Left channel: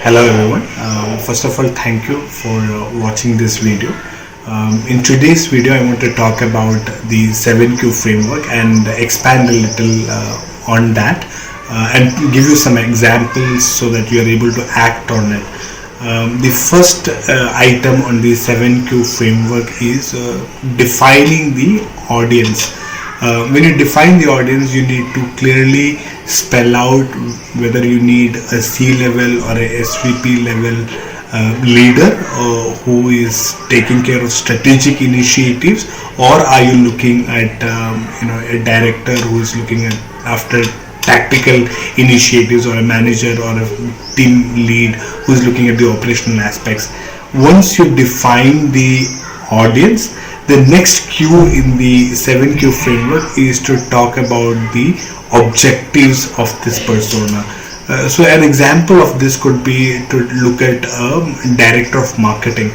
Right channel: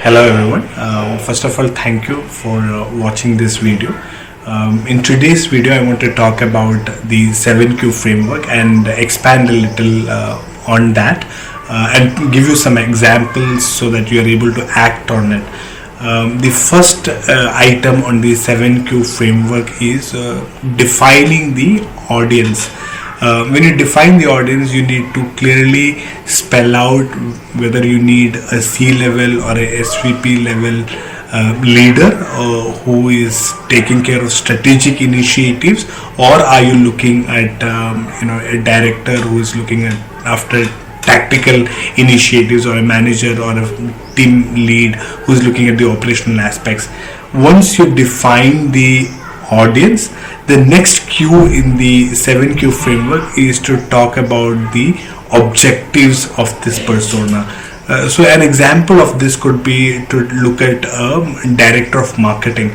Hello everyone. First of all, thank you for watching this video. In today's video, I want to talk about the 7Q framework and expand a little on that and give you some examples so that you are able to act on it. The first item on the 7Q framework is defining the audience. When you define the audience, you need to clearly spell out whether you need a C level or a SVP level leader who is taking care of strategic initiatives, or are you looking at a director who is looking at after tactical initiatives, or a manager or a team lead who is looking at the operational aspects. Once you define the audience, the next Q in the 7Q framework is to talk about the objectives of this persona. So an example of this could be to look at a director of marketing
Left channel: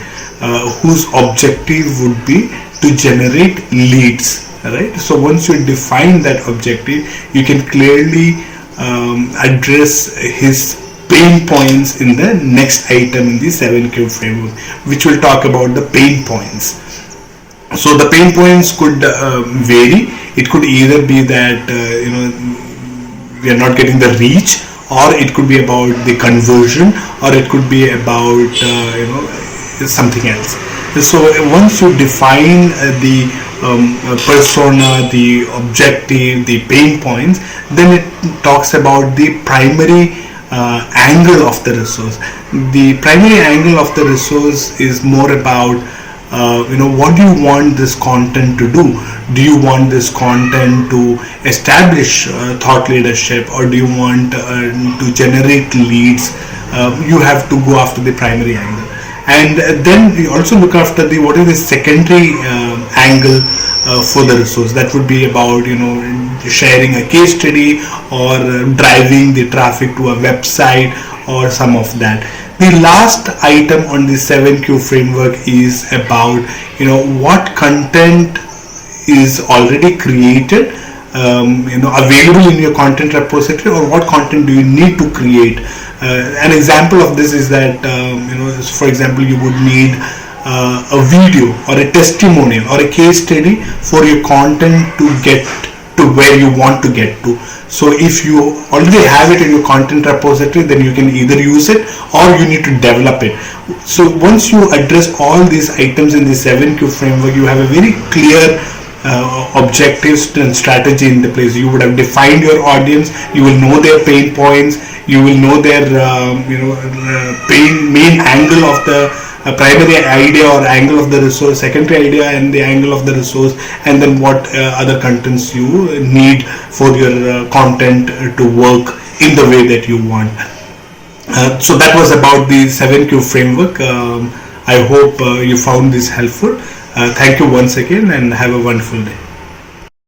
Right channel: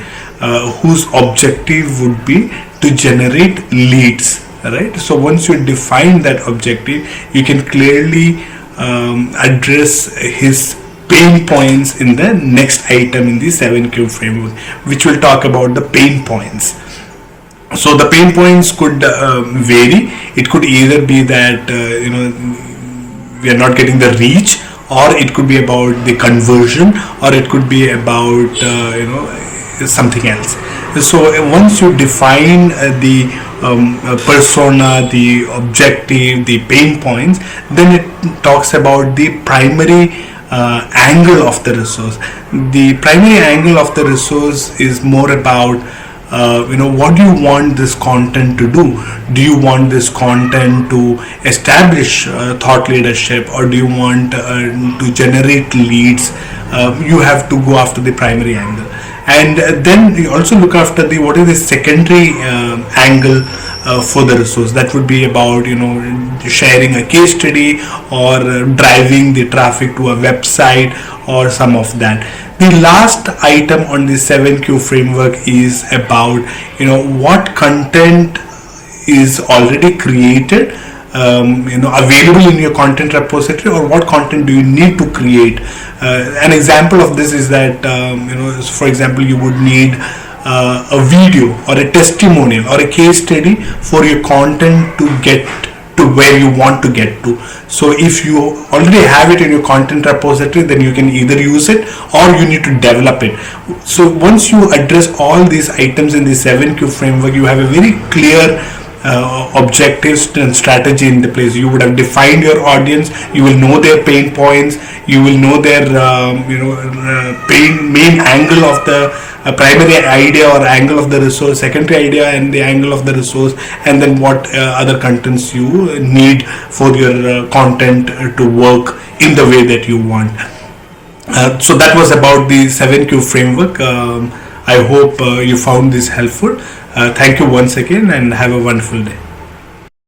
whose objective would be to generate leads, right? So once you define that objective, you can clearly address his pain points in the next item in the 7Q framework, which will talk about the pain points. So the pain points could vary. It could either be that we are not getting the reach, or it could be about the conversion, or it could be about something else. So once you define the persona, the objective, the pain points, then it talks about the primary angle of the resource. The primary angle of the resource is more about what do you want this content to do? Do you want this content to establish thought leadership, or do you want to generate leads? You have to go after the primary angle, and then you also look after what is the secondary angle for the resource. That would be about sharing a case study, or driving the traffic to a website, or some of that. The last item on the 7Q framework is about what content is already created, available in your content repository, or what content do you need to create. An example of this is that for example, you would need a video or a testimonial or a case study for your content to get to where you want to get to. So if you already have it in your content repository, then you can either use it or you need to develop it. So once you address all these items in the 7Q framework, you have a very clear objectives and strategy in the place. You would have defined your audience, you will know their pain points, you will know their main angle of the primary idea or angle of the resource, secondary idea and the angle of the resource, and then what other contents you need for your content to work in the way that you want. So that was about the 7Q framework. I hope you found this helpful. Thank you once again, and have a wonderful day.